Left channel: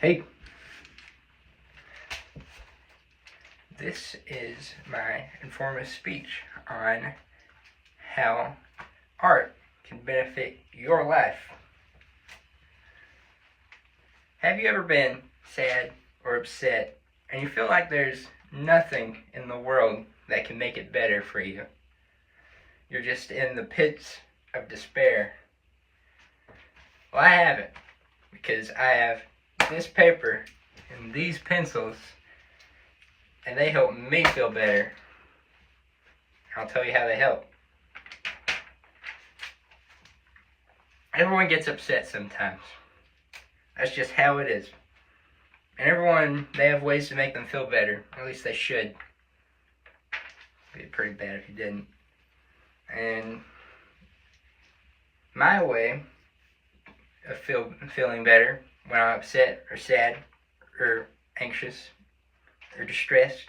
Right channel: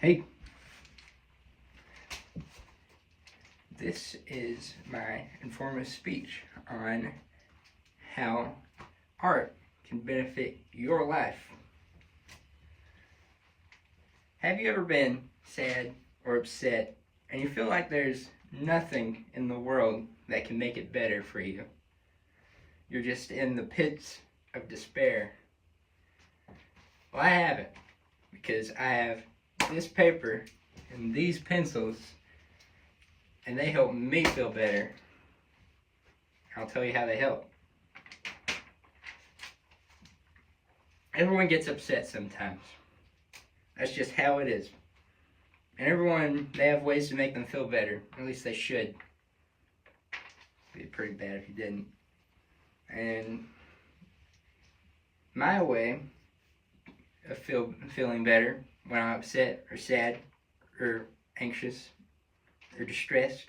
Hey, this is my informative speech on how art can benefit your life. Have you ever been sad or upset and you feel like there's nothing in the world that can make it better for you? You're just in the pits of despair. Well, I haven't, because I have this paper and these pencils, and they help me feel better. I'll tell you how they help. Everyone gets upset sometimes. That's just how it is. And everyone, they have ways to make them feel better. At least they should. It'd be pretty bad if you didn't. And my way of feeling better when I'm upset or sad or anxious or distressed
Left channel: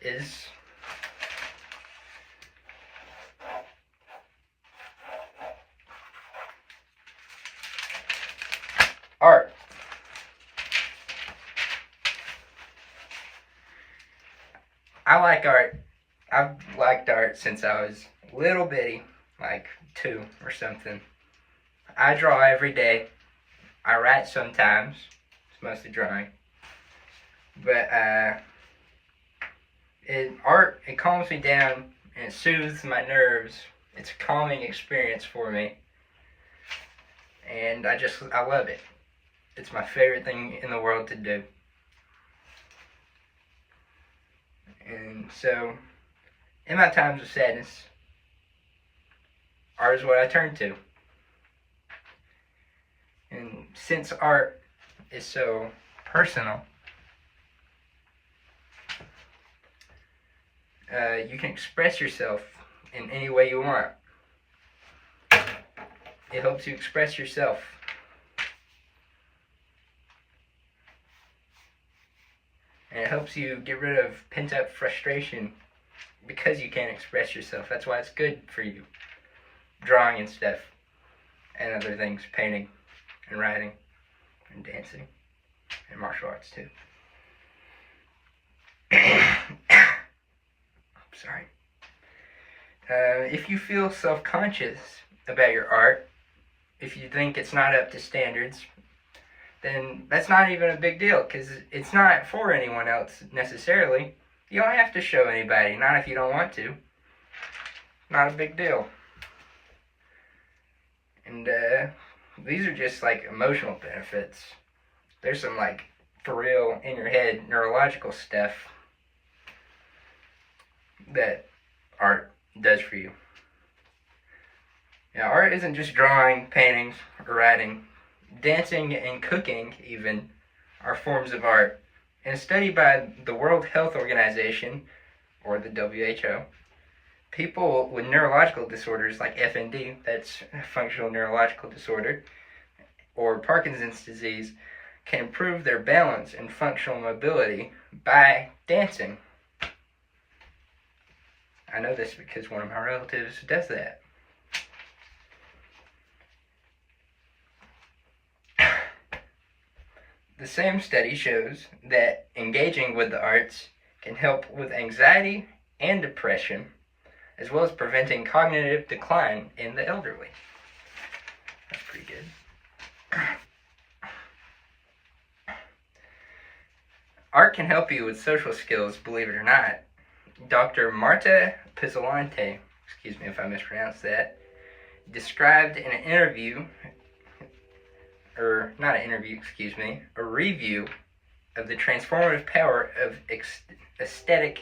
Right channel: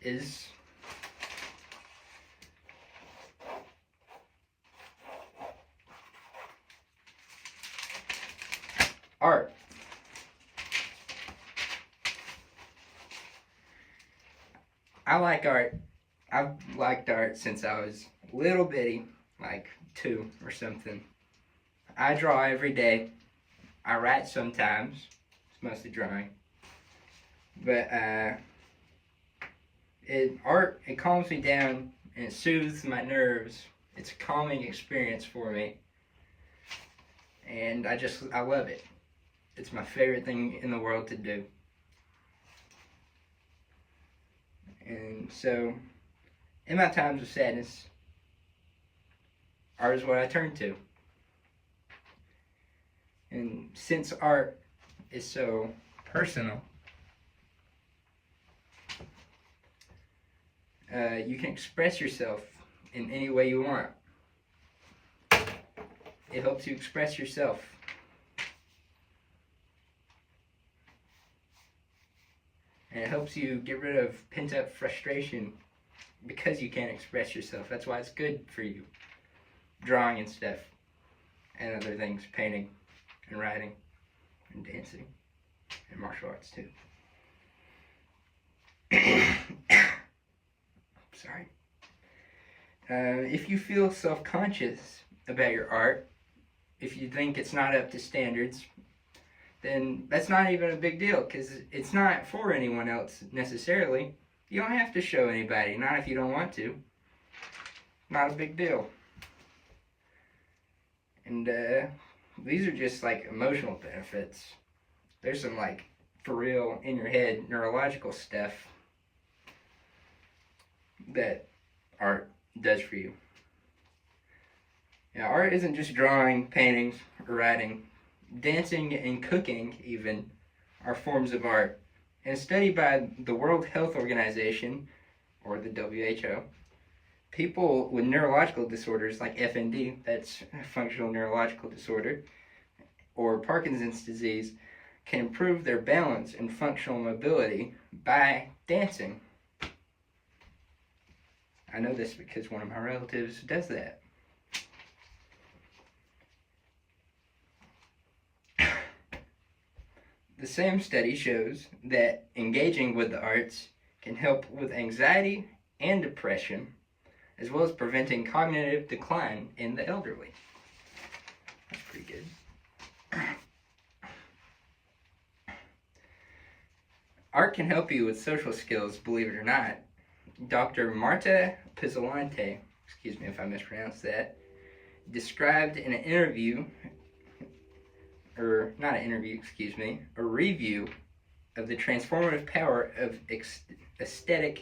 is art. I like art. I've liked art since I was little bitty, like 2 or something. I draw every day. I write sometimes. It's mostly drawing. But art calms me down and it soothes my nerves. It's a calming experience for me. And I love it. It's my favorite thing in the world to do. And so, in my times of sadness, art is what I turn to. And since art is so personal, you can express yourself in any way you want. It helps you express yourself. And it helps you get rid of pent-up frustration because you can't express yourself. That's why it's good for you. Drawing and stuff. And other things. Painting and writing and dancing and martial arts too. Sorry. If you feel self-conscious about your art, if you think it's not up to standards, then that's not even a big deal, because it's not for anyone else necessarily. You don't have to show anybody, not if you don't want to. Not a big deal. And these are just like emotional benefits. There's some like for real in your head neurological stuff that art does for you. Now, art isn't just drawing, painting, or writing. Dancing and cooking, even, are forms of art. In a study by the World Health Organization, or the WHO, people with neurological disorders like FND, that's functional neurological disorder, or Parkinson's disease, can improve their balance and functional mobility by dancing. I know this because one of my relatives does that. The same study shows that engaging with the arts can help with anxiety and depression, as well as preventing cognitive decline in the elderly. That's pretty good. Art can help you with social skills, believe it or not. Dr. Marta Pizzolante, excuse me if I mispronounced that, described in an interview, or not an interview, excuse me, a review of the transformative power of aesthetic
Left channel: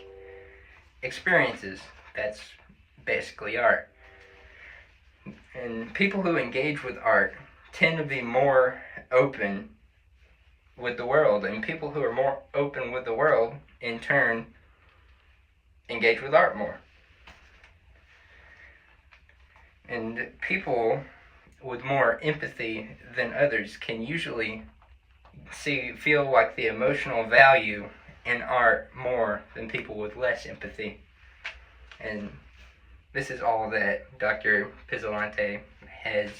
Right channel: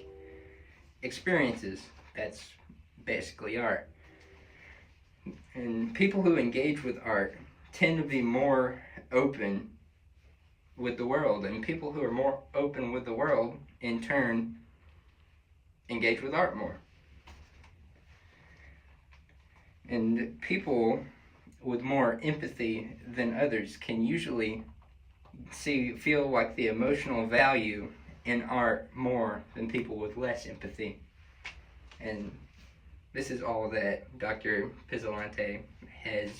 experiences. That's basically art. And people who engage with art tend to be more open with the world, and people who are more open with the world, in turn, engage with art more. And people with more empathy than others can usually feel like the emotional value in art more than people with less empathy. And this is all that Dr. Pizzolante has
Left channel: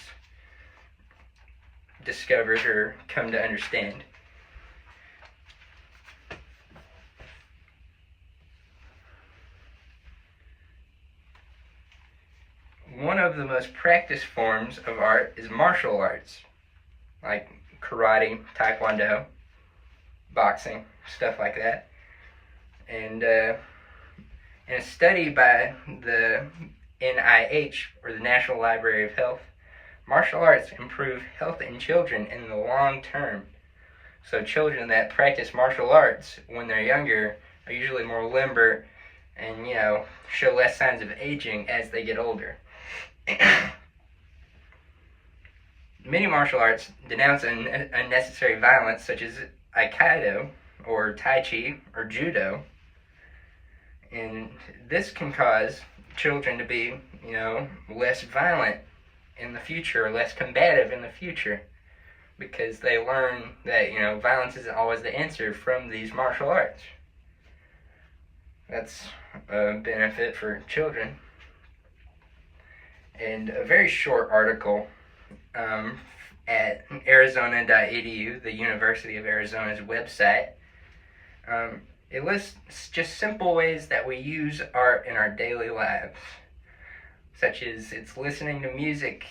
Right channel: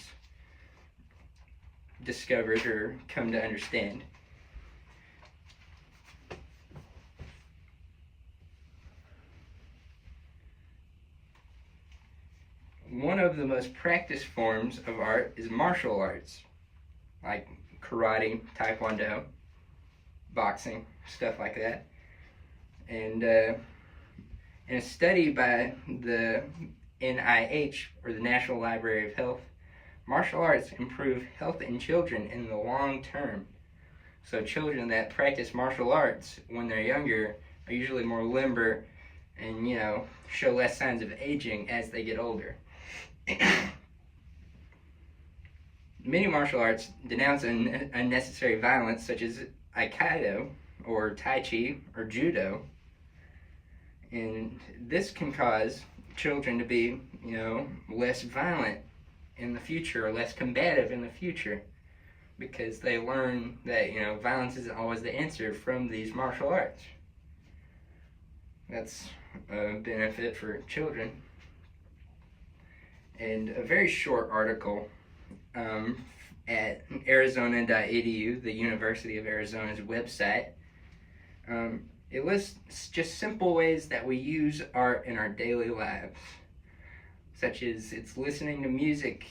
discovered or come to understand. one of the most practiced forms of art is martial arts, like karate, taekwondo, boxing, stuff like that. And in a study by the NIH, or the National Library of Health, martial arts improve health in children in the long term. So children that practice martial arts when they're younger are usually more limber and, show less signs of aging as they get older. Many martial arts denounce unnecessary violence, such as Aikido, or Tai Chi, or Judo. And this can cause children to be, less violent in the future, or less combative in the future, because they learn that, violence isn't always the answer from these martial arts. That's a benefit for children. And a very short article at arizona.edu, the University of Arizona's website, it lists just simple ways that we use art in our daily lives, such as it's listening to music,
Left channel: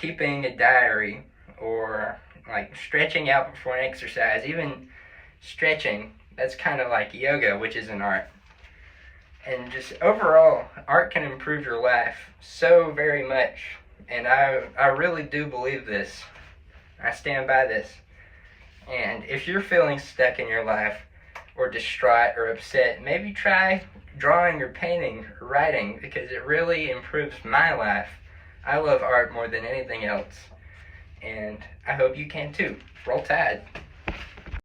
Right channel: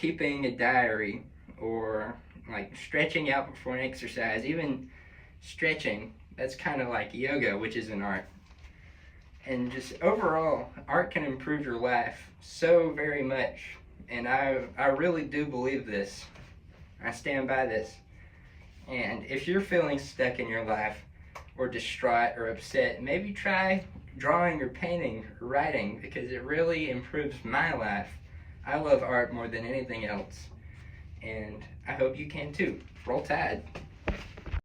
keeping a diary, or like stretching out before an exercise. Even stretching, that's kind of like yoga, which is an art. And just overall, art can improve your life so very much. And I really do believe this. I stand by this. And if you're feeling stuck in your life, or distraught or upset, maybe try drawing or painting or writing, because it really improves my life. I love art more than anything else. And I hope you can too. Roll Tide.